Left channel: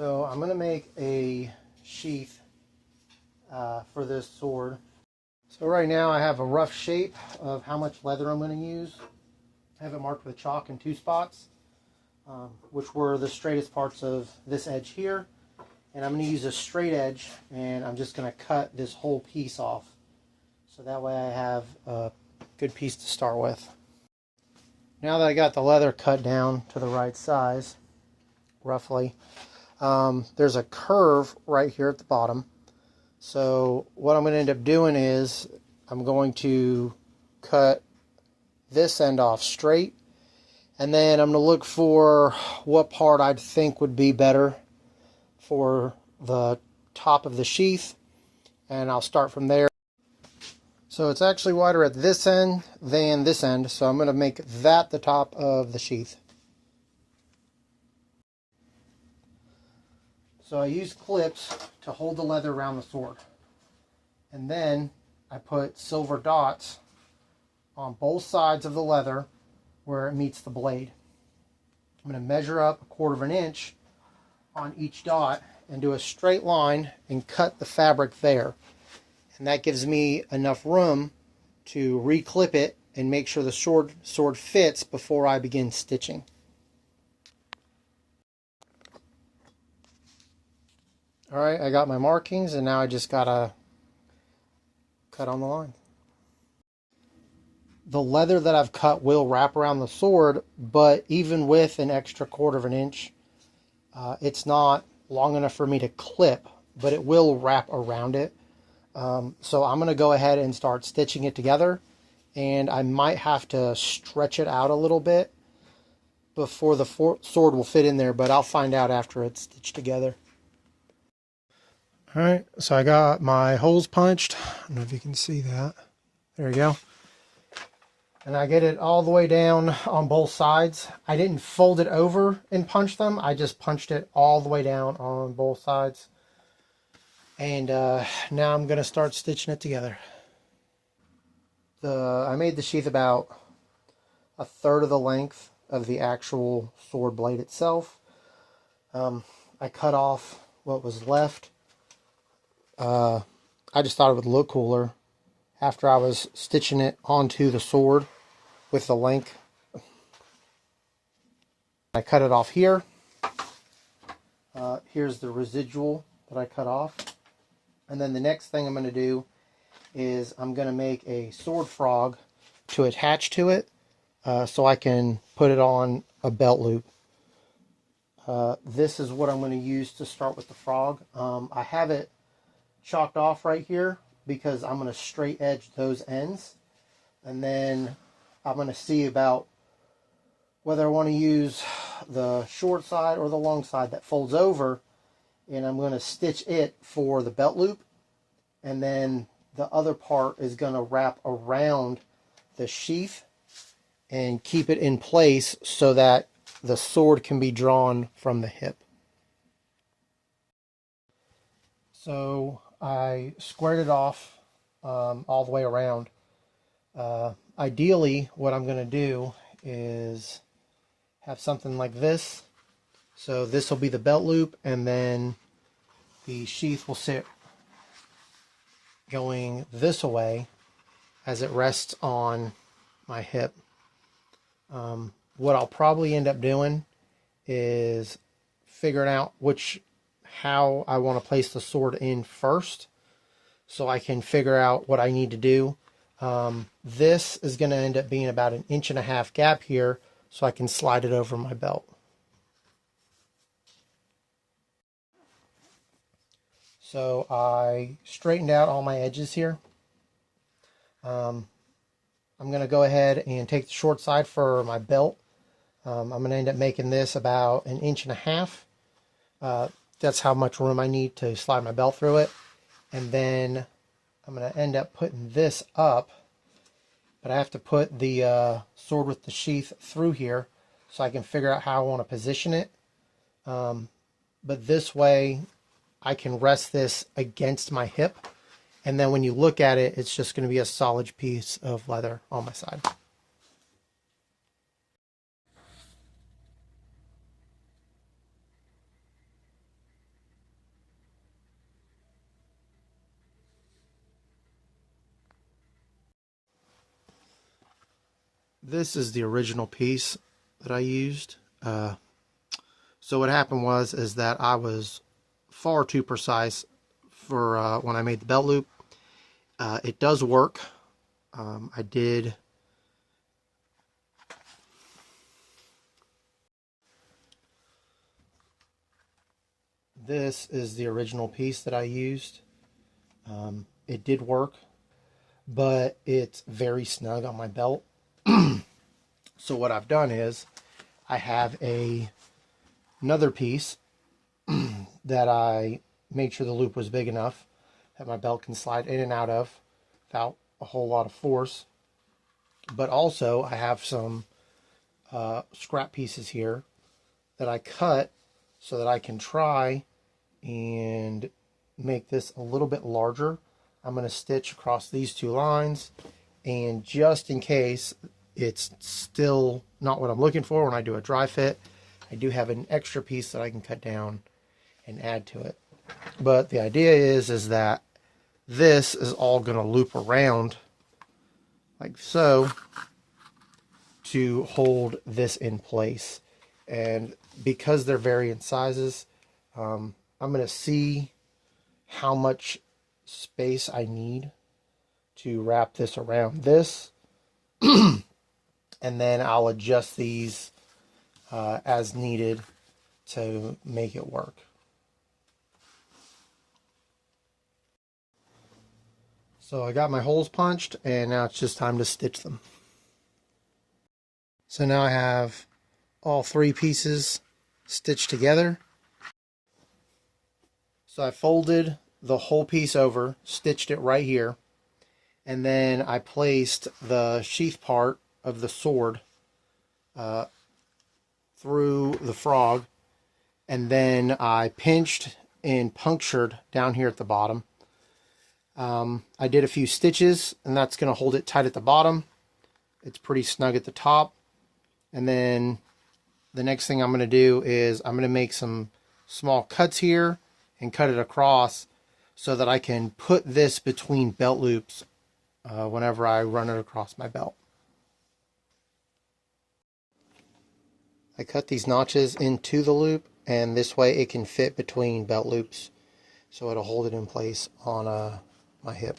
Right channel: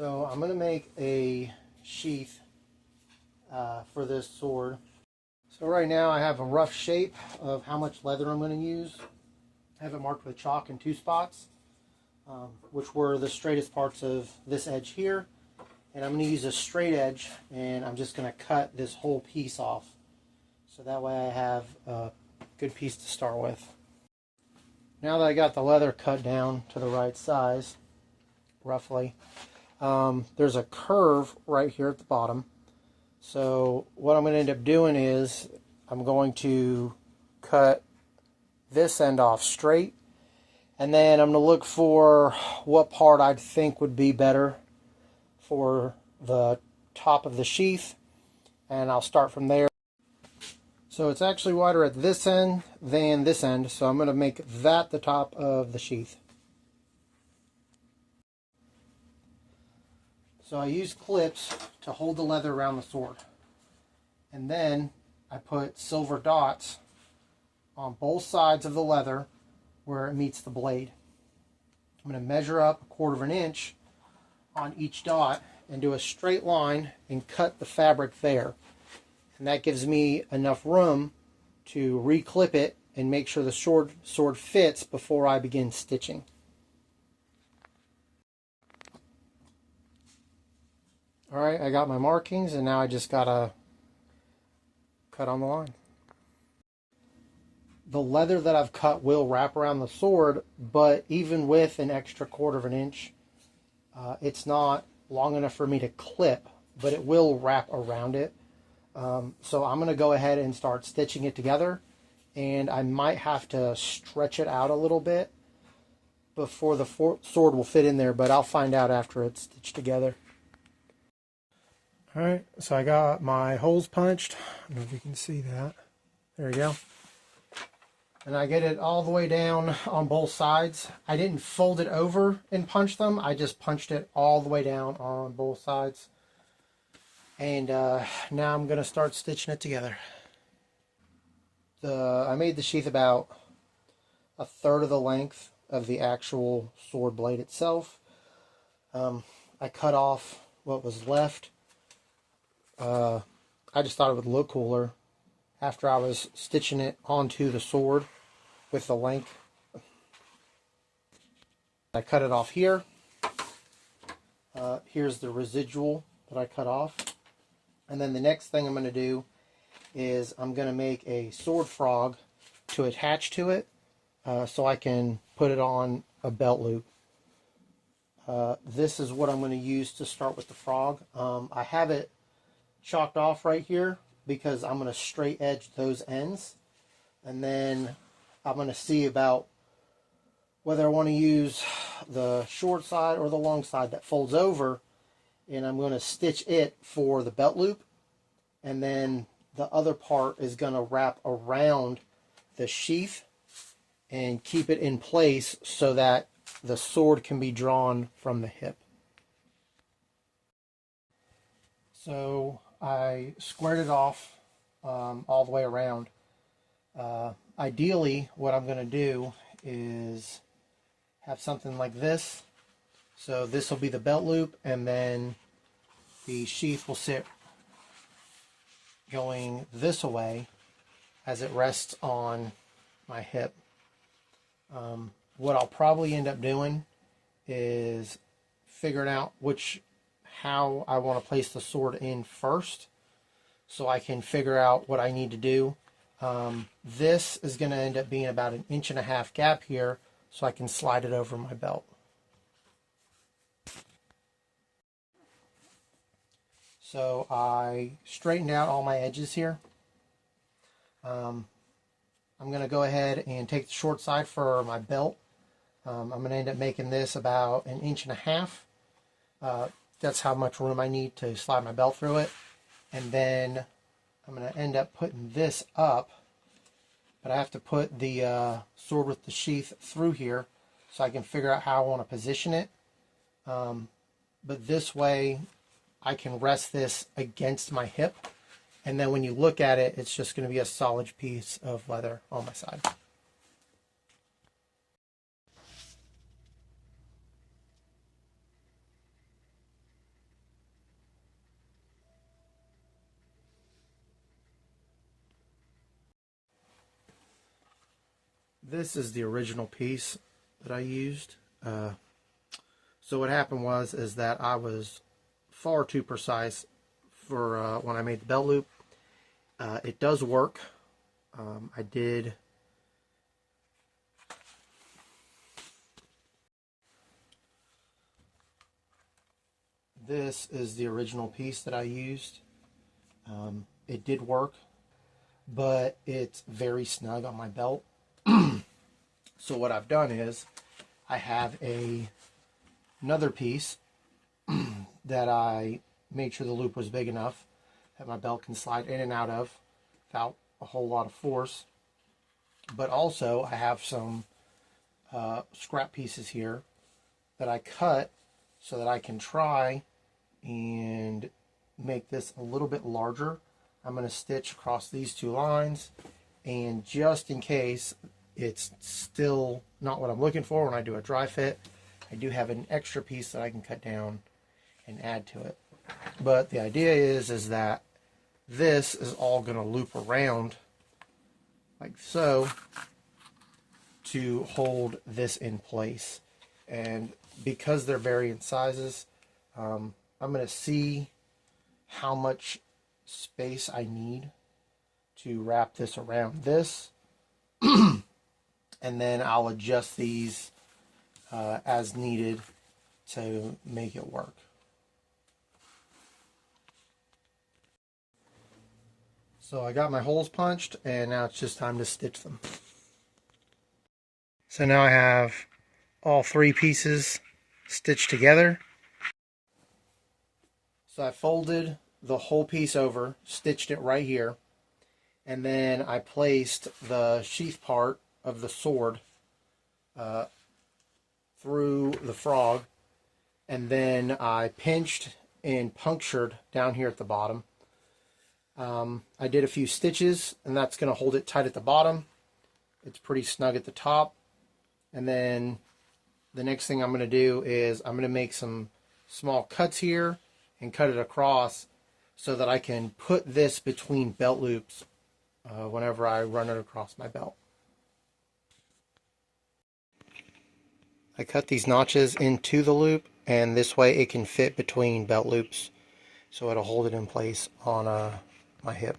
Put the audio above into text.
So I'm going to make a sheath for this sword. So right now I have a rough shape of how much leather I'm going to use. I have it marked with chalk in 2 spots, which were the straightest parts of this edge here. And I'm going to use a straight edge, and I'm just going to cut this whole piece off. So that way I have a good piece to start with. Now that I got the leather cut down to the right size, roughly, there's a curve right here at the bottom. So what I'm going to end up doing is I'm going to cut this end off straight, and then I'm going to look for what part I'd think would be better for the top of the sheath, and I'll start from there. So it's actually wider at this end than this end, so I'm going to make that the top of the sheath. So I use clips to hold the leather around the sword. And then I put silver dots on both sides of the leather where it meets the blade. I'm going to measure up 1/4 inch on each dot and do a straight line and cut the fabric there. And that gives me enough room to re-clip it and make sure the sword fits before I begin stitching. Alright, I got my markings, and now I just gotta cut on the line. The leather that I've cut will wrap around the sword, but even with an extra 1/4 inch, it's not long enough for me to clip, but it will wrap around it. So I'm going to go ahead and start stitching it together, and I might have to stretch it out a little bit before the sword will fit in there, but I'll find out after it's stitched together. Alright, so I got my holes punched. I don't know if you can see that. There you go. And I get it all the way down on both sides. I didn't fold it over and punch them. I just punched it all the way down on both sides. And now I'm going to start stitching it together. I made the sheath about 1/3 of the length of the actual sword blade itself. I cut off what was left. I just thought it would look cooler after I was stitching it onto the sword with the length. I cut it off here. Here's the residual that I cut off. And then the next thing I'm going to do is I'm going to make a sword frog to attach to it so I can put it on a belt loop. This is what I'm going to use to start with the frog. I have it chalked off right here because I'm going to straight edge those ends, and then I'm going to see about whether I want to use the short side or the long side that folds over, and I'm going to stitch it for the belt loop, and then the other part is going to wrap around the sheath and keep it in place so that the sword can be drawn from the hip. So I squared it off all the way around. Ideally, what I'm going to do is have something like this. So this will be the belt loop, and then the sheath will sit going this way as it rests on my hip. What I'll probably end up doing is figuring out how I want to place the sword in first, so I can figure out what I need to do. This is going to end up being about 1.5 inch gap here, so I can slide it over my belt. So I straightened out all my edges here. I'm going to go ahead and take the short side for my belt. I'm going to end up making this about 1.5 inches. That's how much room I need to slide my belt through it. And then I'm going to end up putting this up, but I have to put the sword with the sheath through here so I can figure out how I want to position it. But this way I can rest this against my hip, and then when you look at it, it's just going to be a solid piece of leather on my side. This is the original piece that I used. So what happened is that I was far too precise for when I made the belt loop. It does work. I did. This is the original piece that I used. It did work, but it's very snug on my belt. So what I've done is I have another piece that I made sure the loop was big enough that my belt can slide in and out of without a whole lot of force. But also I have some scrap pieces here that I cut so that I can try and make this a little bit larger. I'm going to stitch across these two lines, and just in case it's still not what I'm looking for when I do a dry fit, I do have an extra piece that I can cut down and add to it. But the idea is that this is all going to loop around like so to hold this in place. And because they're varying sizes, I'm going to see how much space I need to wrap this around this. And then I'll adjust these as needed to make it work. So I got my holes punched, and now it's just time to stitch them. So now I have all three pieces stitched together. So I folded the whole piece over, stitched it right here, and then I placed the sheath part of the sword through the frog, and then I pinched and punctured down here at the bottom. I did a few stitches, and that's going to hold it tight at the bottom. It's pretty snug at the top. And then the next thing I'm going to do is I'm going to make some small cuts here and cut it across so that I can put this between belt loops whenever I run it across my belt. I cut these notches into the loop, and this way it can fit between belt loops, so it'll hold it in place on my hip.